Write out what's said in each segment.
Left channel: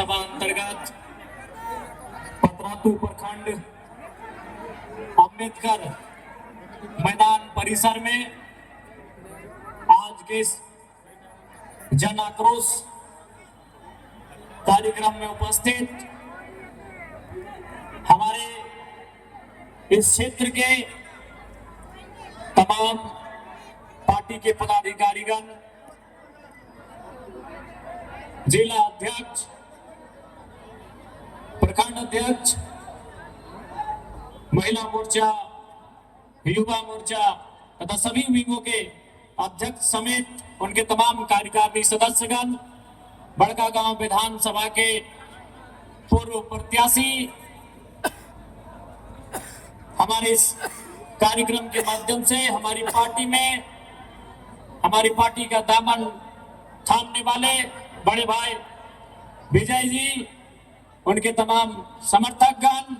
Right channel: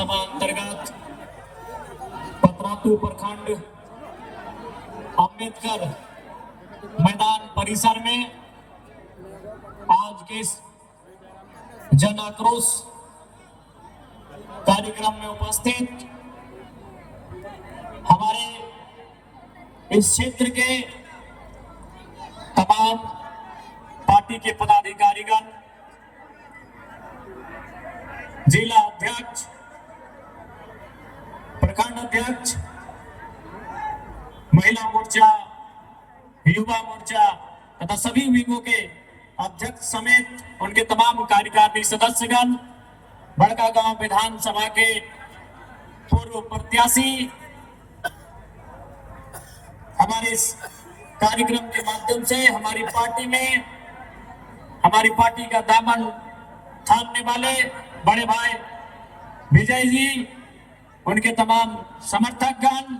विधानसभा अंतर्गत पतरातू प्रखंड अम्बेडकर मैदान परिसर में आज के इस जन आक्रोश कार्यक्रम में उपस्थित हमारे इस क्षेत्र के तमाम पार्टी के पदाधिकारीगण, जिला अध्यक्ष, प्रखंड अध्यक्ष, महिला मोर्चा, युवा मोर्चा तथा सभी विंगों के अध्यक्ष समेत उनके तमाम कार्यकारिणी सदस्यगण, बड़कागांव विधानसभा के पूर्व प्रत्याशी, हमारे इस कार्यक्रम के माध्यम से हमारी पार्टी का दामन थामने वाले बड़े भाई विजय जी, उनके तमाम समर्थकगण,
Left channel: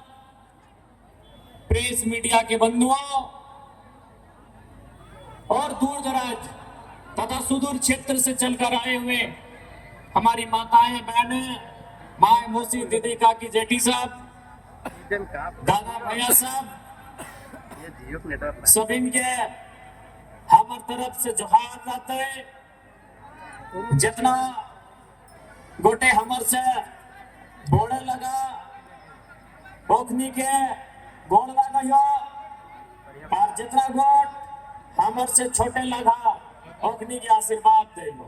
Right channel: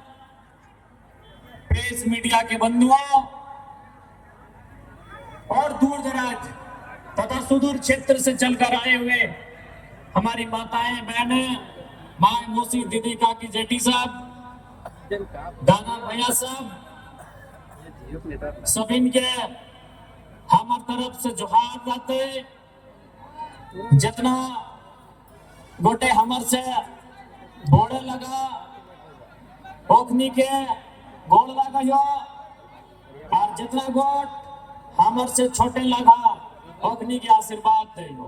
प्रेस मीडिया के बंधुओं और दूर दराज तथा सुदूर क्षेत्र से चलकर आए हुए हमारी माताएं, बहनें, माए, मौसी, दीदी, काकी, जेठी साहब, दादा, भैया साहब, सभी के हमार तरफ से जोहार जाते। जितना गोटे हमर से बोले लगा ओखनी के गोड़ लगा और जितना गोट हमर से छोटे लगा ओखनी के आशीर्वाद दे लो।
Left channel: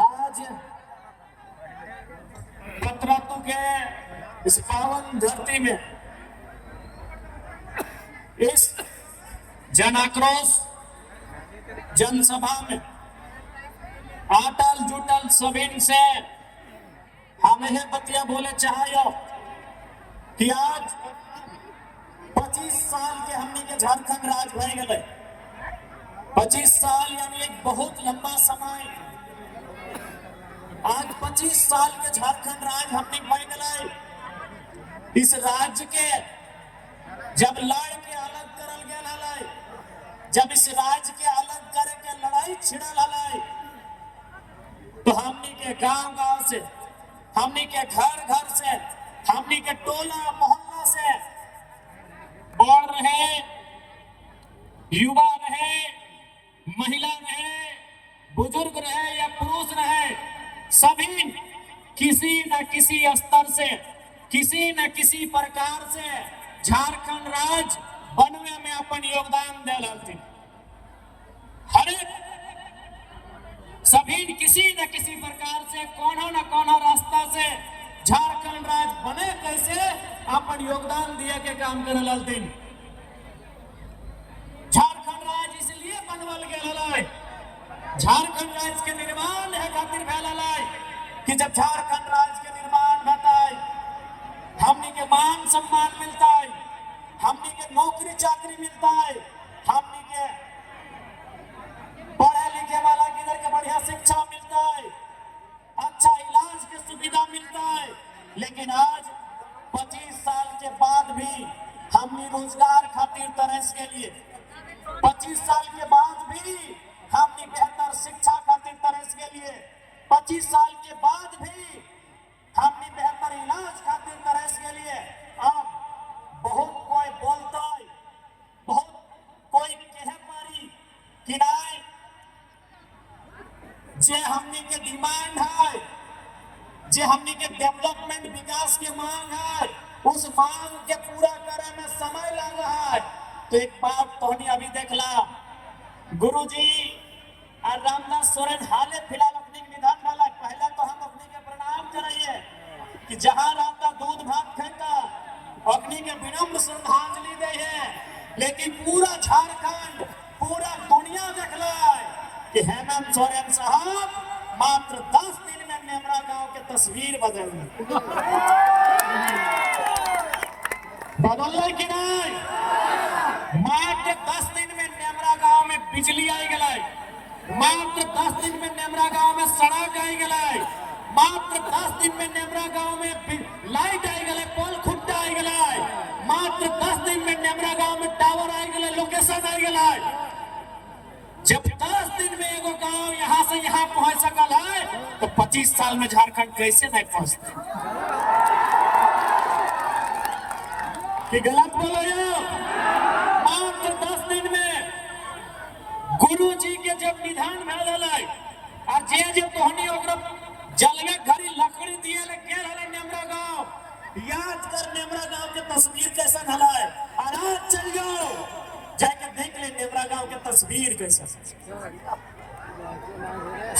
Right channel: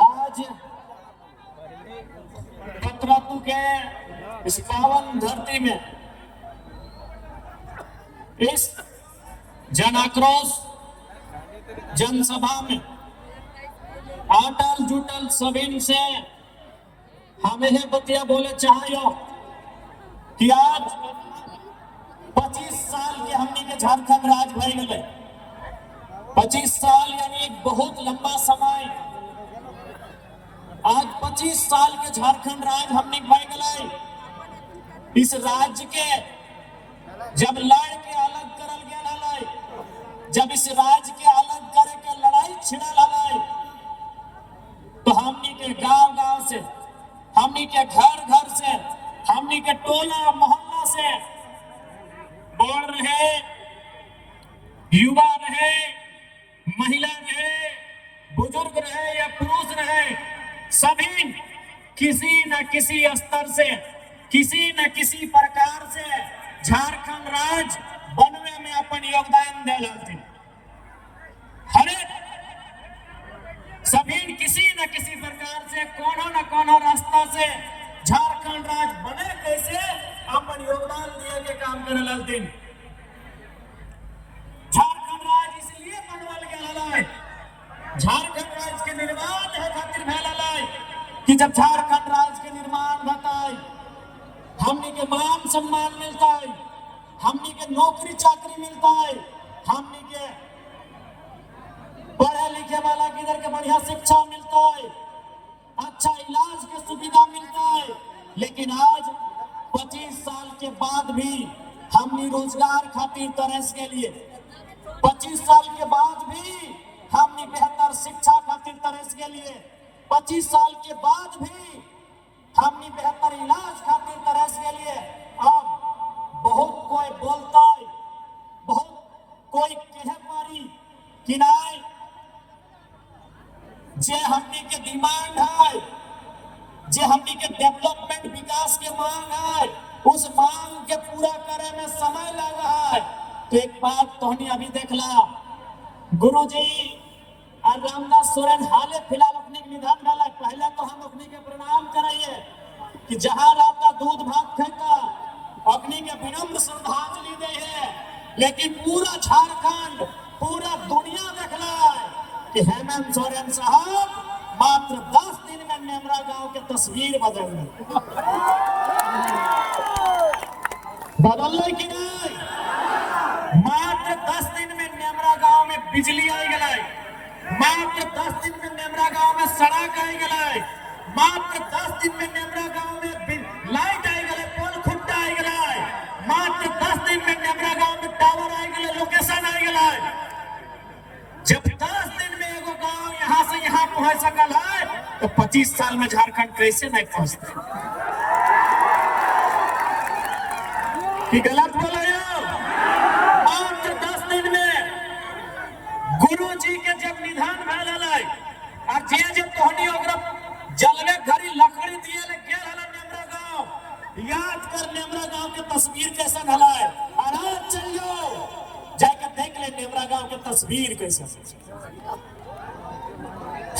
आज पतरातू के इस पावन धरती में इस जन आक्रोश जनसभा में अटल जुटल सभी से हम यह बतिया बोले चाहिए कि आज 25 साल के हमने के झारखंड राज भर गए। 25 साल यानी बहुत लंबा समय। आज 25 साल के झारखंड राज हमने भर गए। इस राज्य के जब लड़ के अलग करल गया, जब इस राज्य के अलग करके लड़ाई छिड़ल है, तो हमनी के गांव-गांव से, हमनी के घर-घर से, हमनी के टोला मोहल्ला से बड़ रहे, युवा रहे, महिला रहे, बुजुर्ग रहे या पुरुष रहे, सभी किसी न किसी स्तर से, किसी न किसी प्रकार से झारखंड राज्य बनने में अपन योगदान दे रहे। हर सभी किसी न किसी प्रकार से कोनो न कोनो रास्ता से झारखंड राज्य बने कैसे अपन योगदान दिए के काम करे लालती। झारखंड राज्य इसलिए बनवल गए, झारखंड राज्य के निर्माण है खातिर भेल है कि जब झारखंड राज्य के निर्माण होता है, हमनी के मान सम्मान मिलता है, हमनी के नौकरी चाकरी मिलता है, हमनी के पढ़े लिखे वाला किधर के बढ़िया शिक्षा मिलता है, अच्छा इलाज की सुविधा मिलता है। लेकिन आज 25 साल के बाद भी हमनी रोजगार खातिर तरस के लिए, 25 साल के बाद भी हमनी बेहतर शिक्षा खातिर तरस के लिए, 25 साल के बाद भी हमनी बेहतर इलाज खातिर तरस के लिए अब बहुत कोई बोलता है, बहुत कोई कहे पारी कि नहीं, जे हमनी के डिमांड है, जे हमनी के डेवलपमेंट विकास के मांग है, उस मांग के पूरा करे में समय लग रहा है। तो एक बात तो हमने अभी देखला, गुरुजी और रामदास सोरेन हाल फिलहाल अपने निधन वाला, पहले तो हम अपने के प्रणाम कराइए कि जहां रहता दूध भात खाता अपनी के विनम्र श्रद्धांजलि दे है। लेकिन पूरा झारखंड, पूरा दुनिया देखला है कि हेमंत सोरेन साहब मात्र 10 दिन में नेमरा गांव के तस्वीर बदल कि नहीं। मात्र 10 दिन में नेमरा गांव में बिजली आई गई, मात्र 10 दिन में नेमरा गांव में सड़क आई गई, मात्र 10 दिन में नेमरा गांव में लाइट आई गई, पोल खुट्टा आई गई, मात्र 10 दिन में नेमरा गांव में टावर आई गई, लोकेशन आई गई। तो 25 साल में झारखंड कैसे नहीं पहुंचते? कि गलत बोल रहे हो? मात्र 10 दिन में गुरु जी के जब निधन भेल और जे तोहनी जलवे घड़ी लकड़ी दिए ले गेल हला नेमरा गांव, याद कर नेमरा गांव के तस्वीर कैसन हला है। और चल जाओ जाके देख ले नेमरा गांव के तस्वीर कैसन।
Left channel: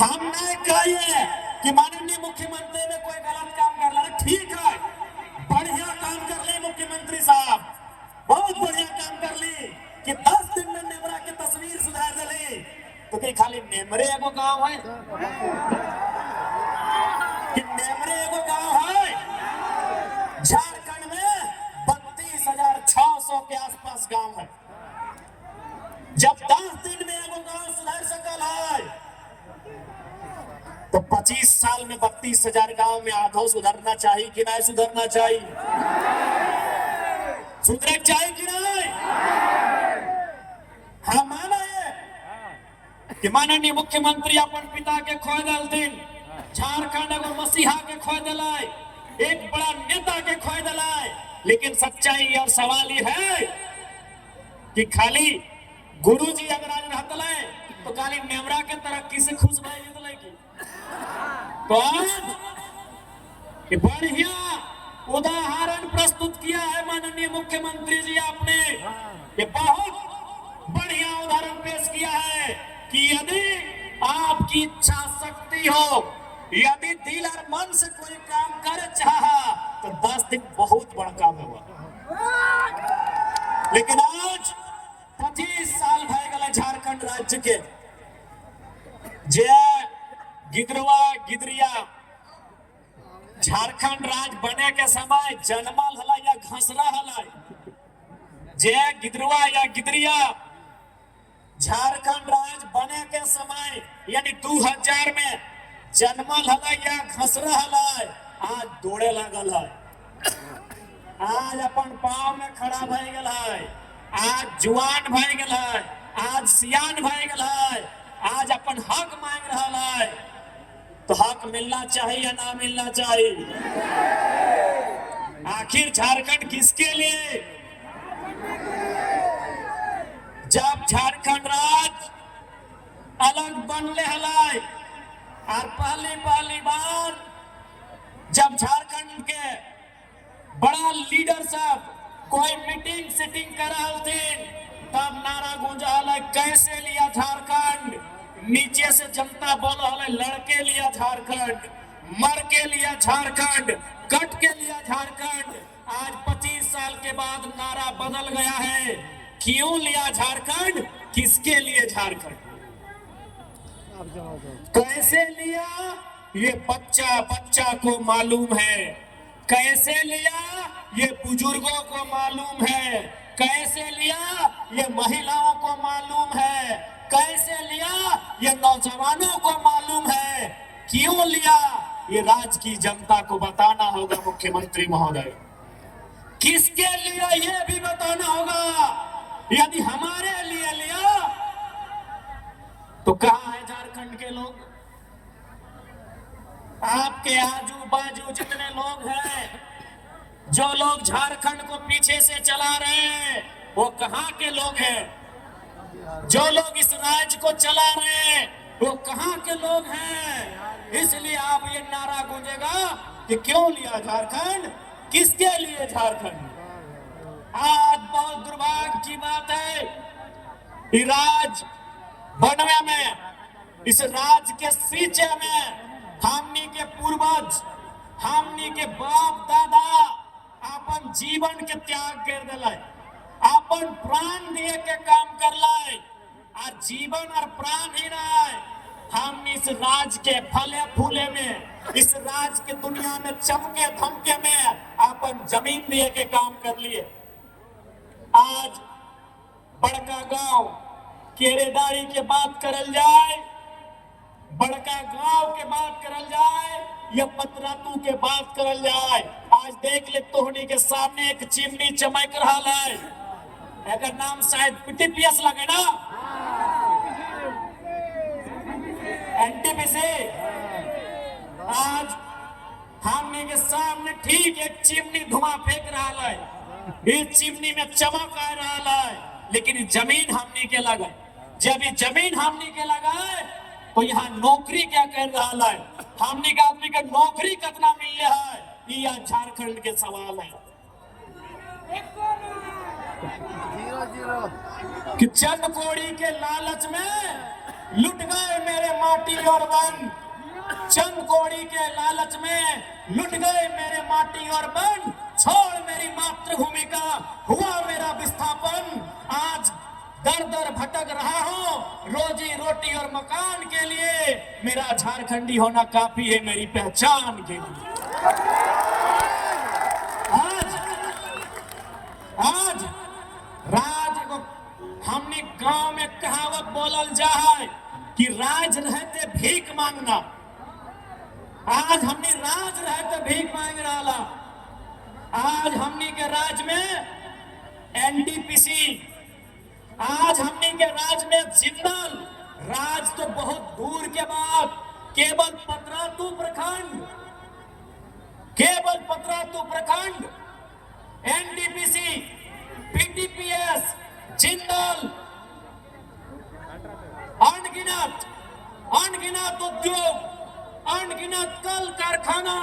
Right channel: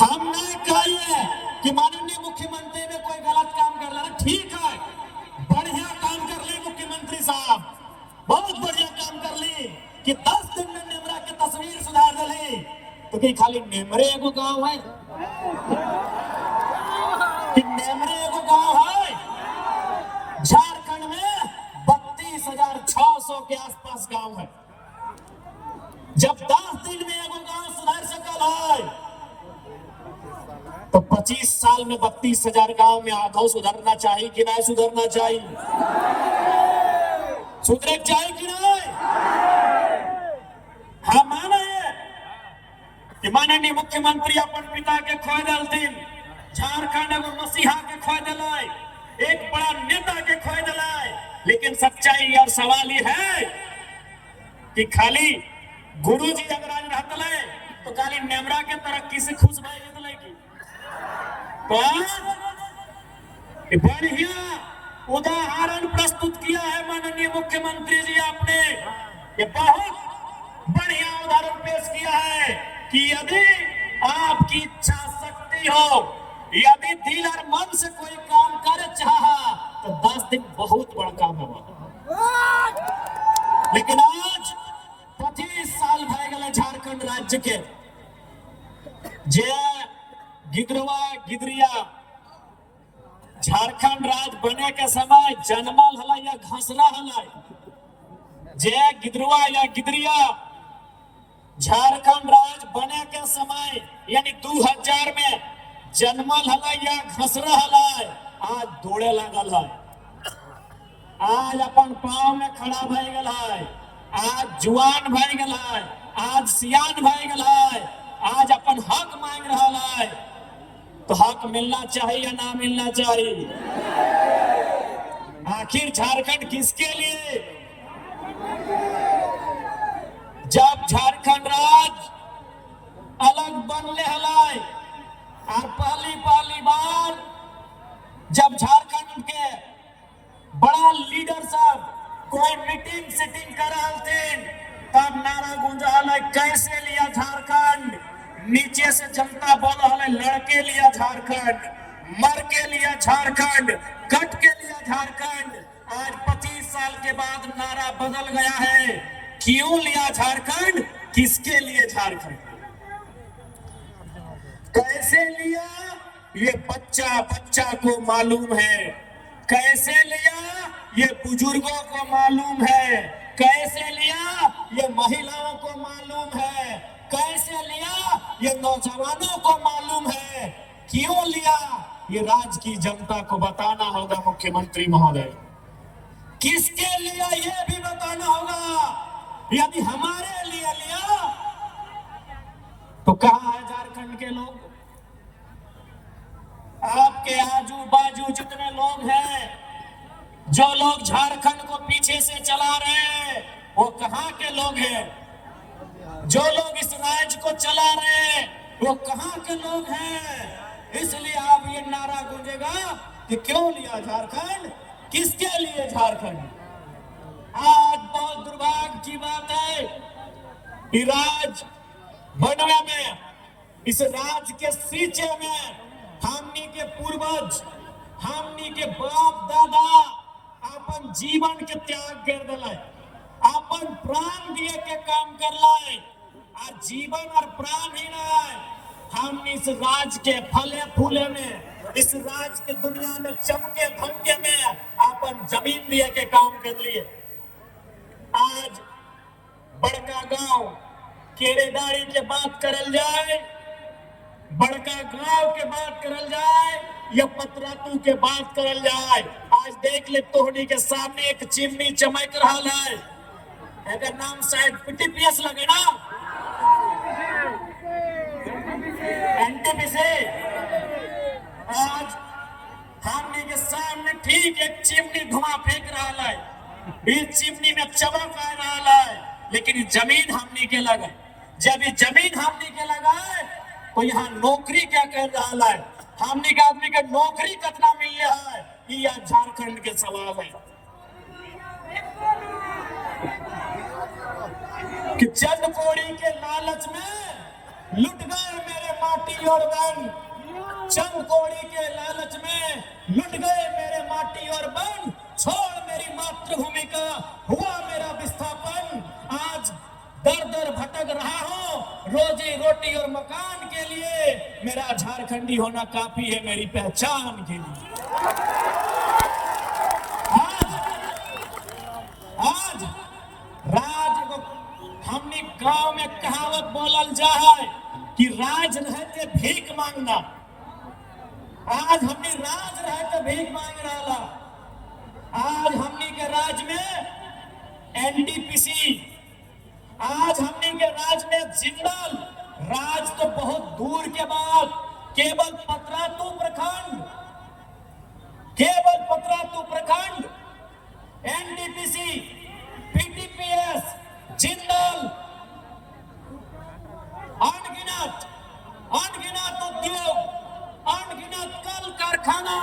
हम नहीं कहिए कि माननीय मुख्यमंत्री ने कोई गलत काम कर रहा है, ठीक है, बढ़िया काम कर ले मुख्यमंत्री साहब, बहुत बढ़िया काम कर ली कि 10 दिन में नेमरा की तस्वीर सुधार दी। तो कि खाली नेमरे एगो गांव है कि नेमरे एगो गांव है? झारखंड में 32,600 के आसपास गांव है। जब 10 दिन में एगो गांव सुधार सकल है तो 25 साल में 32,000 गांव में आधा सुधरना चाहिए कि नहीं सुधरना चाहिए? सुधरे चाहिए कि नहीं? हम माना है कि माननीय मुख्यमंत्री अपन पिता के खोए दलथिन, झारखंड एगो मसीहा के खोए दिलाय, एक बड़ा नेता के खोए दिलाय। लेकिन सच्चाई और सवाल ये है कि खाली गुरुजी अगर रहते तो खाली नेमरा के तरक्की से खुश नहीं रहते कि बढ़िया उदाहरण प्रस्तुत किया है माननीय मुख्यमंत्री जी आपने। ये बहुत बढ़िया उदाहरण पेश किया है कि यदि आपकी इच्छा शक्ति हो, यदि दिल और मन से कोई काम कर चाहा तो 10 दिन बहुत बड़ा काम होगा। लेकिन आज 25 साल भय गए झारखंड राज्य के जे गिदरुआ गिदरिया झारखंड राज्य बने के समय जनमल हला या घसरा हला। जे गिदरुआ या गिदरिया झारखंड राज्य बने के समय यानी 2000 में जनमल हला या घसरा हला, आज दौड़े लगल है, आज अपन पांव में खड़ा भय गल है, आज जुआन भय गल है, आज सियान भय गल है, आज अपन हक मांग रहा है। तो हक मिलना चाहिए या ना मिलना चाहिए? आखिर झारखंड किसके लिए? जब झारखंड राज्य अलग बनले हलाय और पहली बार जब झारखंड के बड़ा लीडर सब कोई मीटिंग सेटिंग कर रहे थे तब नारा गूंजा हला, कैसे लिया झारखंड, नीचे से जनता बोल हला, लड़के लिया झारखंड, मर के लिया झारखंड, कट के लिया झारखंड। आज 25 साल के बाद नारा बदल गया है, क्यों लिया झारखंड, किसके लिए झारखंड, कैसे लिया, ये बच्चा बच्चा को मालूम है, कैसे लिया ये बुजुर्गों को मालूम है, कैसे लिया ये महिलाओं को मालूम है, कैसे लिया ये नौजवानों को मालूम है, क्यों लिया ये राज्य की जनता को बताना होगा। मुख्यमंत्री महोदय, किसके लिए ये भी बताना होगा। यदि हमारे लिए लिया तो कहां है झारखंड के लोग? आपके आजू बाजू जितने लोग हैं, जो लोग झारखंड को पीछे से चला रहे हैं, वो कहां के लोग हैं? जो लोग इस राज्य को चला रहे हैं, वो कहां के लोग हैं? इसलिए आप ये नारा गूंजेगा कि क्यों लिया झारखंड, किसके लिए झारखंड। आज बहुत दुर्भाग्य की बात है, राज्य बनने में, इस राज्य के सींचे में हमनी के पूर्वज, हमनी के बाप दादा अपन जीवन के त्याग कर दिलाय, अपन प्राण दिए के काम कर लाए, आज जीवन और प्राण ही रहा है। हम इस राज्य के फले फूले में, इस राज्य के दुनिया में चमके धमके में अपन जमीन दिए के काम कर लिए। आज बड़का गांव केरेदारी के बात करल जाए, बड़का गांव के बात करल जाए या पतरातू के बात करल जाए, आज देख ले तोहनी के सामने एक चिमनी चमक रहा है, अगर नाम शायद पीटीपीएस लगे ना, एनटीपीसी, आज हमने के सामने ठीक एक चिमनी धुआं फेंक रहा है, इस चिमनी में चमक आ रहा है, लेकिन जमीन हमने के लगा। जब ये जमीन हमने के लगा है तो यहाँ नौकरी क्या कर रहा है, हमने के आदमी के नौकरी कितना मिल रहा है, ये झारखंड के सवाल है। कि चंद कोड़ी के लालच में लुट गए मेरे माटी और बन, चंद कोड़ी के लालच में लुट गए मेरे माटी और बन, छोड़ मेरी मातृभूमि का हुआ मेरा विस्थापन। आज दर दर भटक रहा हूँ रोजी रोटी और मकान के लिए, मेरा झारखंडी होना काफी है मेरी पहचान के लिए। आज राज हमने गांव में कहावत बोलल जा है कि राज रहते भीख मांगना। आज हमने राज रहते भीख मांग रहा। आज हमने के राज में एनडीपीसी, आज हमने के राज में जिंदल, राज तो बहुत दूर के बाद केवल पतरातू प्रखंड, केवल पतरातू प्रखंड, एनडीपीसी, पीटीपीएस, जिंदल, अनगिनत अनगिनत उद्योग, अनगिनत कल कारखाना,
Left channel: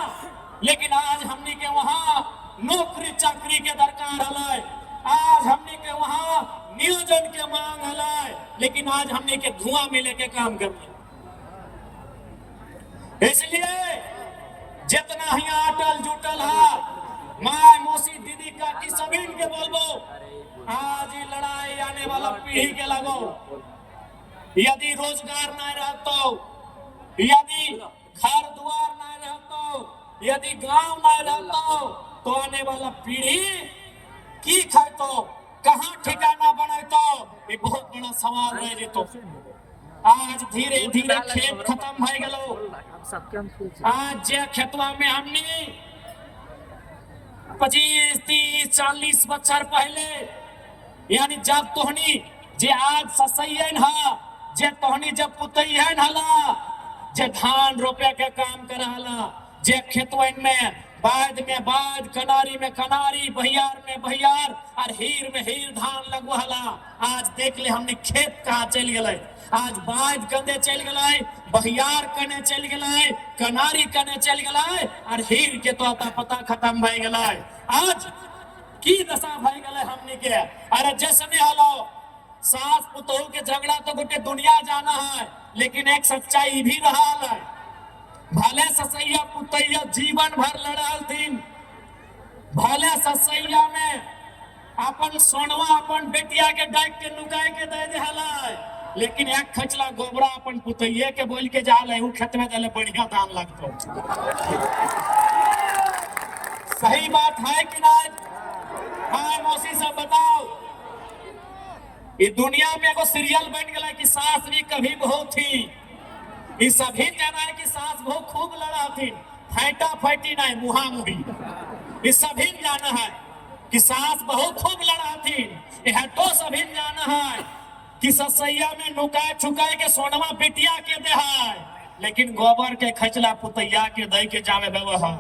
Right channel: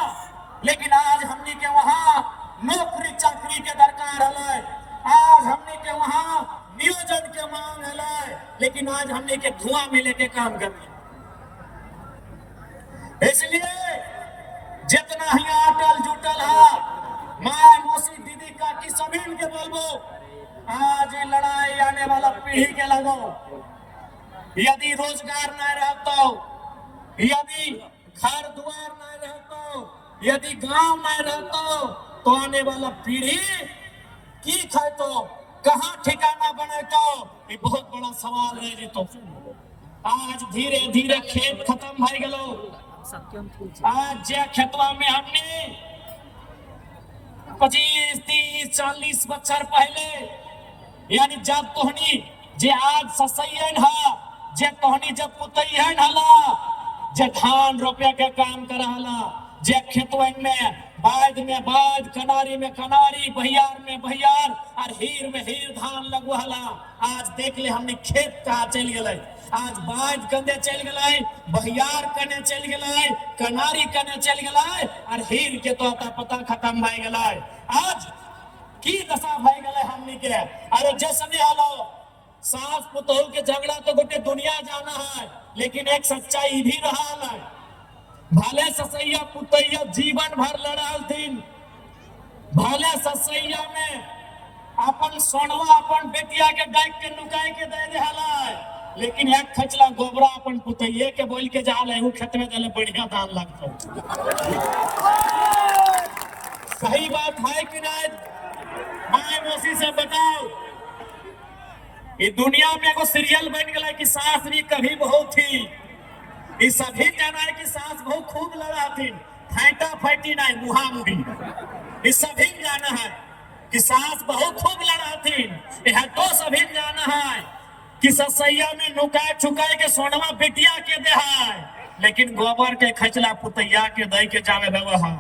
लेकिन आज हमने के वहां नौकरी चाकरी के दरकार है। आज हमने के वहां नियोजन के मांग है, लेकिन आज हमने के धुआं मिले के काम करते। इसलिए जितना ही आटल जुटल है, माँ मौसी दीदी काकी सभी के बोलबो, आज ये लड़ाई आने वाला पीढ़ी के लगो। यदि रोजगार न रहतो, यदि घर द्वार न रहतो, यदि गांव न रहतो, तो आने वाला पीढ़ी की खातो, कहाँ ठिकाना बनातो, ये बहुत बड़ा सवाल है। जी तो आज धीरे धीरे खेत खत्म हो गलो। आज जे खेतवा में हमने 25, 30, 40 बच्चर पहले, यानी जब तोहनी जे आज ससैयन हा, जे तोहनी जब पुतैयन हला, जे धान रोपे के काम करहला, जे खेतवन में बाद में बाद, कनारी में कनारी, बहियार में बहियार और हीर में हीर धान लगवहला। आज देख ले हमने खेत कहाँ चल गए, आज बाद कने चल गए, बहियार कने चल गए, कनारी कने चल गए और हीर के तो पता खत्म भय गए। आज की दशा भय गए हमने के। अरे जैसे हालो सास पुतोह के झगड़ा तो गोटे दुनिया जाना है, लेकिन एक सच्चाई भी रहा है। भले ससैया पुतैया जीवन भर लड़ल थीन, भले ससैया में अपन सोनवा अपन बेटिया के डाक के लुकाए के दे देहला, लेकिन एक खचला गोबरा अपन पुतैये के बोल के जा ले, खेत में दले बढ़िया दान लगतो। सही बात है कि नहीं? माँ मौसी से बताओ, ये दुनिया में एगो सीरियल बन गया कि सास भी कभी बहू थी। ये सभी जाना है कि सास बहू खूब लड़ा थी, फाइटा फाइटी नहीं मुहा मुही। ये सभी जाना है कि सास बहू खूब लड़ा थी। यह तो सभी जाना है कि ससैया में नुकाए छुकाए के सोनवा बिटिया के दे है, लेकिन गोबर के खचला पुतैया के दे के जावे व्यवहार,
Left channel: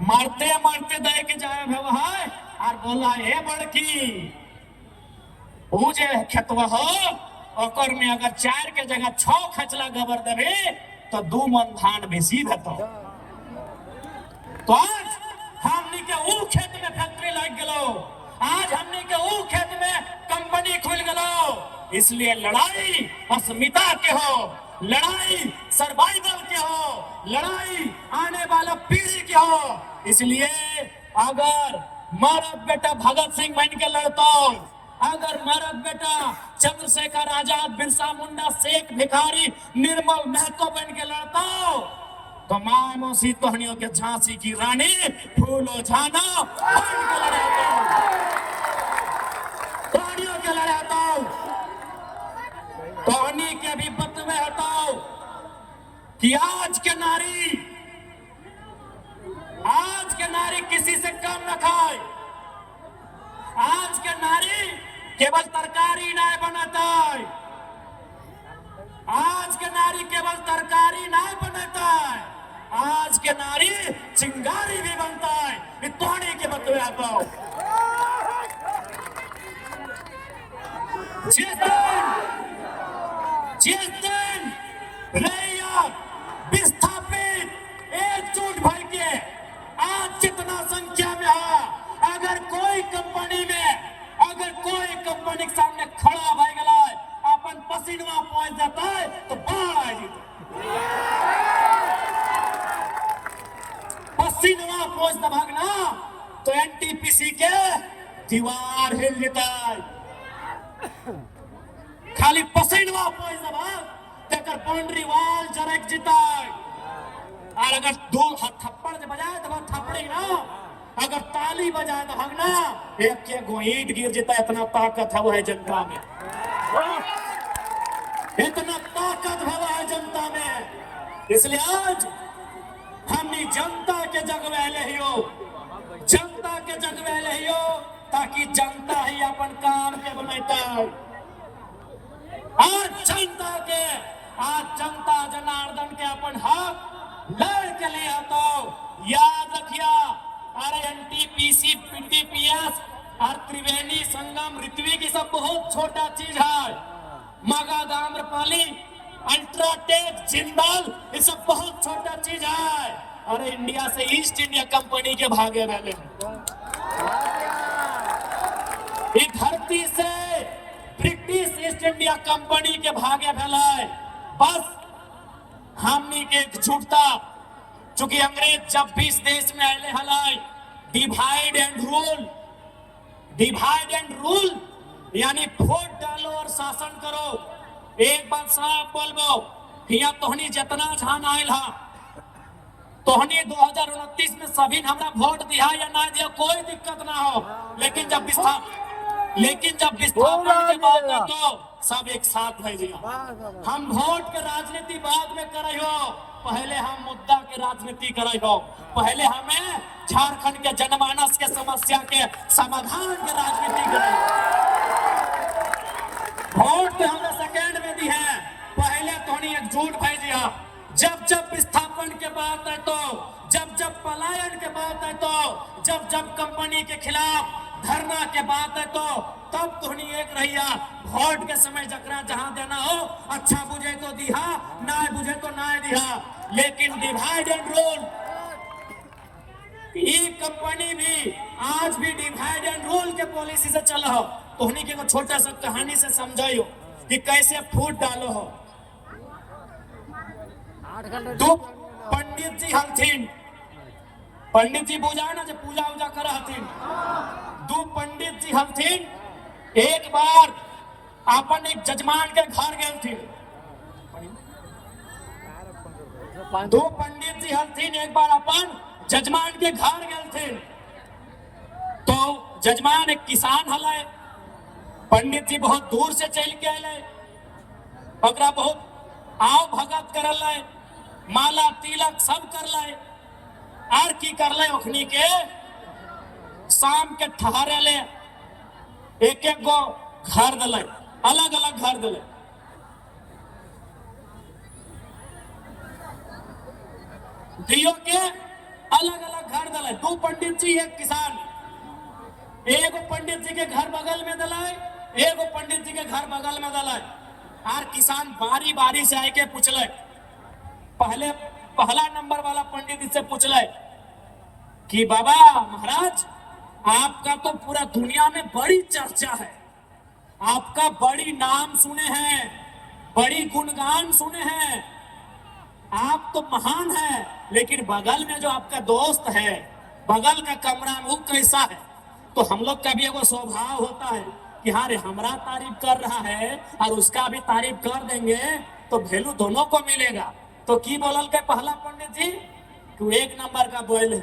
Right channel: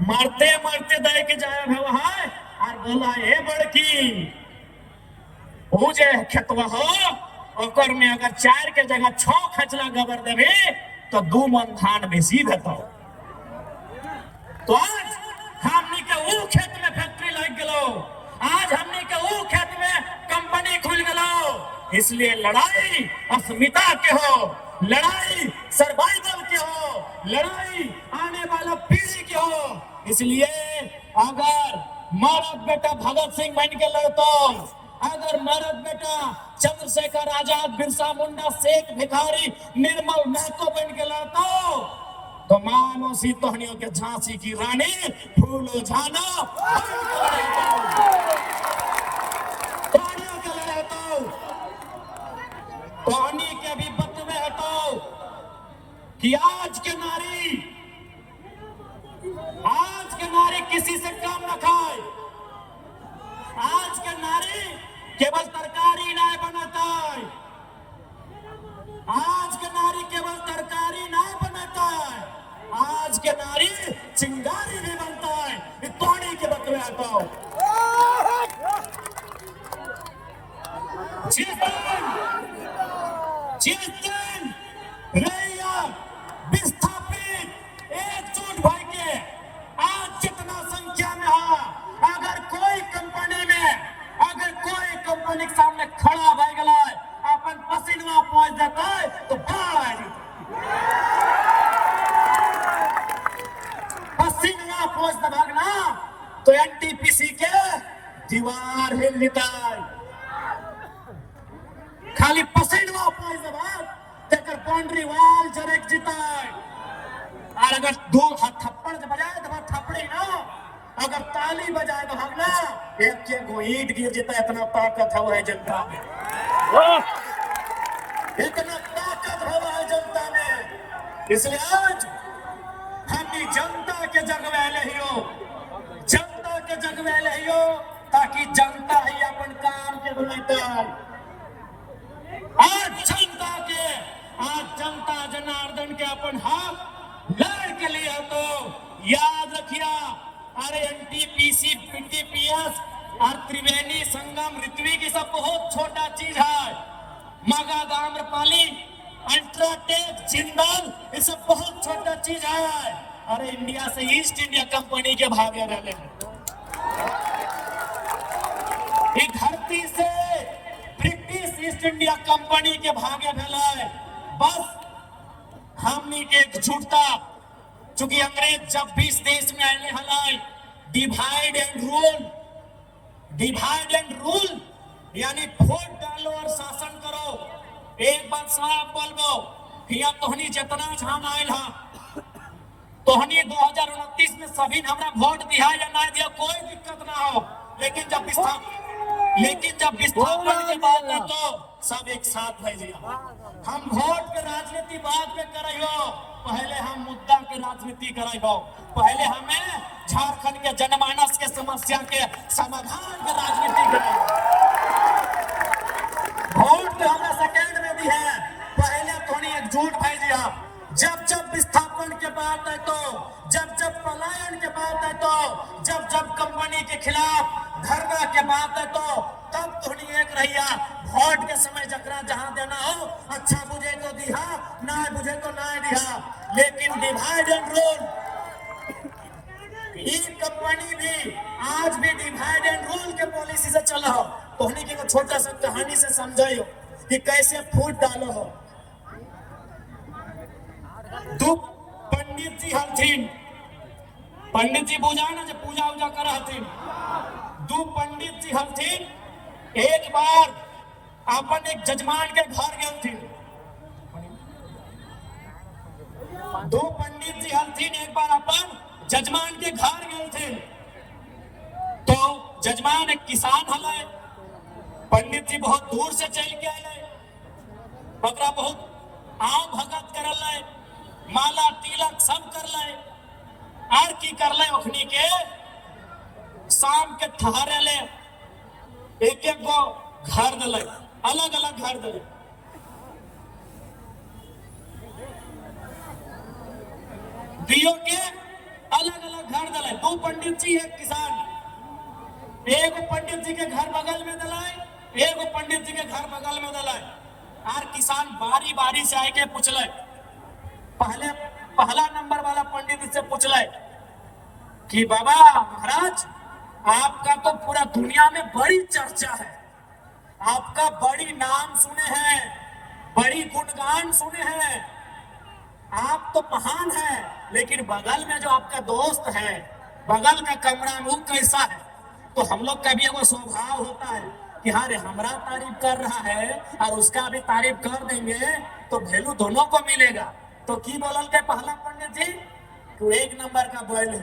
मरते मरते दे के जावे व्यवहार। और बोला हे बड़की वो जे खेतवा हो, ओकर में अगर 4 के जगह 6 खचला गोबर देवे तो 2 मन धान बेसी भेटो। तो आज हमनी के ऊ खेत में फैक्ट्री लग गलो, आज हमनी के ऊ खेत में कंपनी खुल गलो। इसलिए लड़ाई अस्मिता के हो, लड़ाई सर्वाइवल के हो, लड़ाई आने वाला पीढ़ी के हो। इसलिए अगर मरद बेटा भगत सिंह बन के लड़तो, अगर मेरा बेटा चंद्रशेखर आजाद, बिरसा मुंडा, शेख भिखारी, निर्मल महतो बन के लड़ता, तो माँ मौसी तोहनियों के झांसी की रानी फूलो झाना तोहनियों के लड़े हटाओ, तोहनी के भी पद में हटाओ कि आज के नारी किसी से कम न खाए। आज के नारी केवल तरकारी नहीं बनाता, आज के नारी केवल तरकारी नहीं चिंगारी भी बनता है, ये तोड़ी के बकरे आता हो। जिस दिन रैया विस्थापित एकजुट भाई के आज जितना संख्या में है, अगर कोई कंपनी के सामने खड़ा भाई गला अपन पसीना पहुंच जाता है तो पसीना पहुंच भागना तो एनटीपीसी के दीवार हिल लेता है। खाली पसीना पहुंच दबा बाउंड्री वॉल जरक जीता है। और अगर दो थप्पड़ बजाए तो थप्पड़ ना, अगर ताली बजाए तो हम ना एक ईंट गिर जाता है। इतना ताकत है जनता में, इतना ताकत है जनता में। इसलिए आज हमने जनता के जगवेले ही हो, जनता के जगवेले ही हो, ताकि जनता ही अपन काम के बुलाता है। आज जनता जनार्दन के अपन हाथ लड़ के लिए तो याद रखिया। अरे एनटीपीसी, पीटीपीएस और त्रिवेणी संगम, ऋत्विक ये सब बहुत छोटा चीज है। मगध, आम्रपाली, अल्ट्राटेक, जिंदल ये सब बहुत छोटा चीज है। और इंडिया से ईस्ट इंडिया कंपनी के भागे वाले एक धरती से ब्रिटिश ईस्ट इंडिया कंपनी के भागे फैलाए। बस हमनी के एकजुटता, चूंकि अंग्रेज जब भी इस देश में आने हलाए, डिवाइड एंड रूल यानी वोट डालो और शासन करो। एक बात साफ बोलबो कि अब तोहनी जितना झान आयल है, तोहनी 2029 में सभी ने हमने वोट दिया या नहीं दिया कोई दिक्कत ना हो, लेकिन जब विस्थापन की बात है तो सब एक साथ भेजिए। हम वोट के राजनीति बाद में करे हो, पहले हम मुद्दा की राजनीति करे हो। पहले हमें झारखंड के जनमानस के समस्या के समाधान की राजनीति करे। वोट तो हमें सेकेंड में दी है, पहले थोड़ी एकजुट भेजिए। जब विस्थापन के बात है तो, जब पलायन के बात है तो, जब कंपनी के खिलाफ धरना के बात है तो तब थोड़ी एक रहिया। वोट के समय जकरा जहां देना हो, अच्छा बुझे तो दिहा, ना बुझे तो ना दिहा, लेकिन डिवाइड एंड रूल। ये कंपनी भी आज भी डिवाइड एंड रूल के पॉलिसी से चला हो। तोहनी के छोटा सा कहानी से समझाइयो कि कैसे फूट डालो हो। दो पंडित जी हलथिन, पंडित जी बुझाए ना जो पूजा उजा कर हथिन। दो पंडित जी हलथिन, एक बार अपन एक जजमान के घर गए थे। दो पंडित जी हलथिन, एक बार अपन जजमान के घर गए थे। तो जजमान एक किसान हलाए, पंडित जी बहुत दूर से चल के आए, ओकरा बहुत आओ भगत कर लाए, माला तिलक सब कर लाए। और की कर ले ओखनी के शाम के ठहरे ले एक गो घर दले, अलग अलग घर दले। दियो के अलग अलग घर दले। दो पंडित जी एक किसान, एक पंडित जी के घर बगल में दलाए, एक पंडित जी के घर बगल में दलाए। और किसान बारी बारी से आके पूछले, पहला नंबर वाला पंडित जी से पूछले कि बाबा महाराज, आपका तो पूरा दुनिया में बड़ी चर्चा है, आपका बड़ी नाम सुने हैं, बड़ी गुणगान सुने हैं, आप तो महान हैं, लेकिन बगल में जो आपका दोस्त है, बगल में कमरा में, वो कैसा है? तो हम लोग का भी वो स्वभाव होता है कि हाँ रे, हमारा तारीफ कर रहा है और उसका भी तारीफ कर देंगे तो वैल्यू दोनों को मिलेगा। तो की बोलते पहला पंडित जी, तू एक नंबर का बोल है।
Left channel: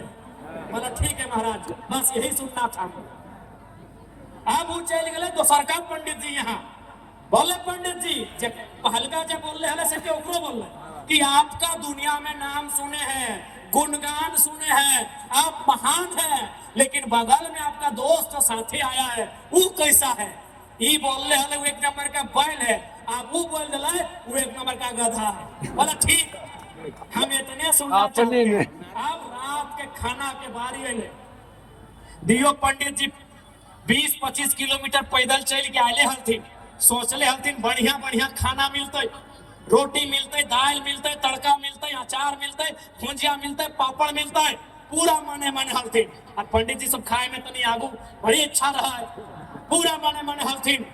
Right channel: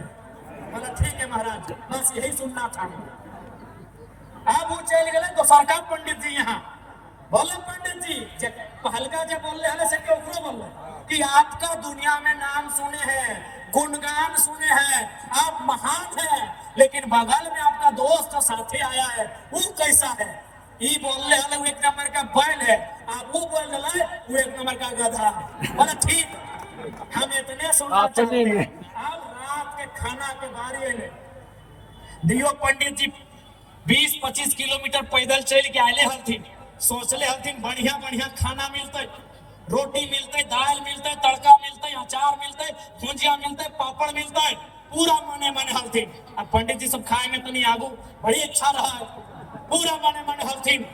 बोला ठीक है महाराज, बस यही सुनना था। अब वो चल गए तो सरकार पंडित जी यहाँ बोले, पंडित जी पहलका जब बोल रहे से क्यों बोल कि आपका दुनिया में नाम सुने हैं, गुणगान सुने हैं, आप महान हैं, लेकिन बगल में आपका दोस्त और साथी आया है, वो कैसा है? ये बोल रहे हैं वो एक नंबर का बैल है, आप वो बोल रहे वो एक नंबर का गधा है। बोला ठीक, हम इतने सुनना चाहते हैं। अब रात के खाना के बारे में दियो पंडित जी 20-25 किलोमीटर पैदल चल के आए हथिन, सोचले हथिन बढ़िया बढ़िया खाना मिलते, रोटी मिलते, दाल मिलते, तड़का मिलते, अचार मिलते, भुजिया मिलते, पापड़ मिलते, पूरा मने मने हथिन। और पंडित जी सब खाए में तो नहीं आगू, बड़ी इच्छा रहा है, पूरा मने मने हथिन।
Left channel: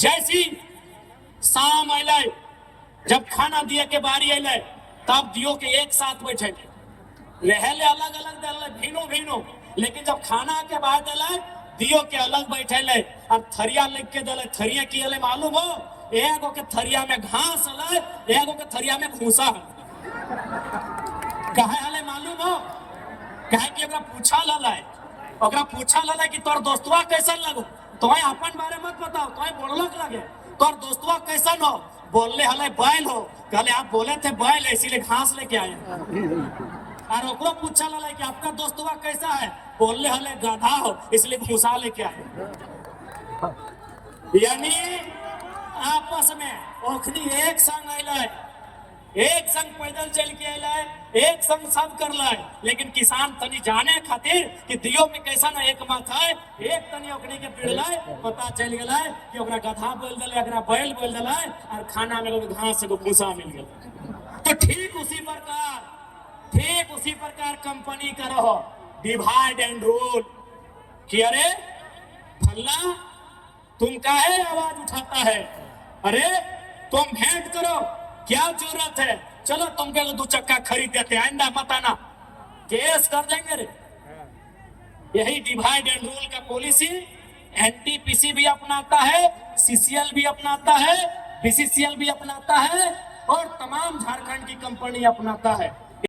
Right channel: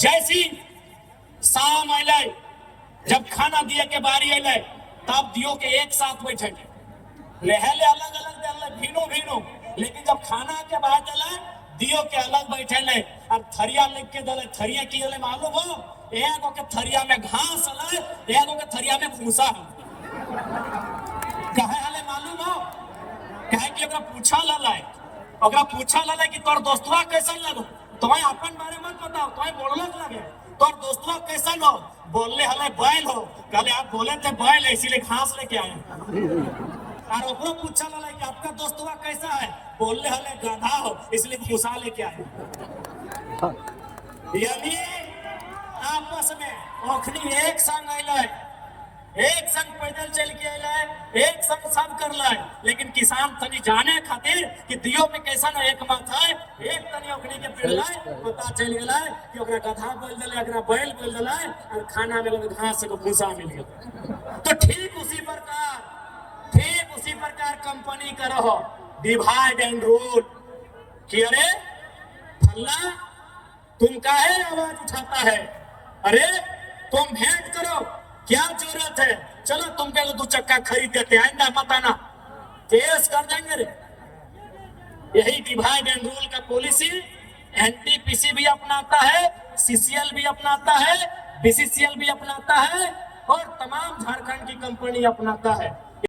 जैसी शाम अले, जब खाना दिए के बारी अले, तब दियो के एक साथ बैठे रहले अलग अलग दल भीनो भीनो, लेकिन जब खाना के बाद अले दियो के अलग बैठे ले और थरिया लिख के दले। थरिया की ले मालूम हो, एगो के थरिया में घास अले, एगो के थरिया में भूसा है। कहे हले मालूम हो, कहे कि ओकरा पूछा लले, ओकरा पूछा लले कि तोर दोस्तवा कैसन लगो, तोय अपन बारे मत बताओ, तोय बोललक लगे, तोर दोस्तवा कैसन हो, बोलले हले बैल हो, कहले आप बोले थे बैल है इसीलिए घास लेके आए। और ओकरो पूछा लले कि आपका दोस्तवा कैसा है, बोलले हले गधा हो इसलिए भूसा लेके आए। यानी आपस में ओखनी एक संग अइले, एक संग पैदल चल के अइले, एक संग सब करले, लेकिन किसान तनी जाने खातिर कि दियो में कैसन एक बात है, एक तनी ओखनी के पिड़ले पता चल गेले कि ओकरा गधा बोल देले, ओकरा बैल बोल देले और खाना में घास को भूसा मिल गेल। तो ठीक उसी प्रकार कंपनी का रहो डिवाइड एंड रूल कि अरे फल्ला तुम काहे आवाज उठाता है, अरे तुम भेंट करो, क्या जरूरत है, चलो तुमके लिए 2 चक्का खरीद देते हैं, आइंदा मत आना, केस कर देंगे रे। यही डिवाइड एंड रूल का पॉलिसी एनटीपीसी भी अपनाता है, सीसीएल भी अपनाता है, बीसीसीएल भी अपनाता है और तमाम झारखंड की कंपनी अपनाता है।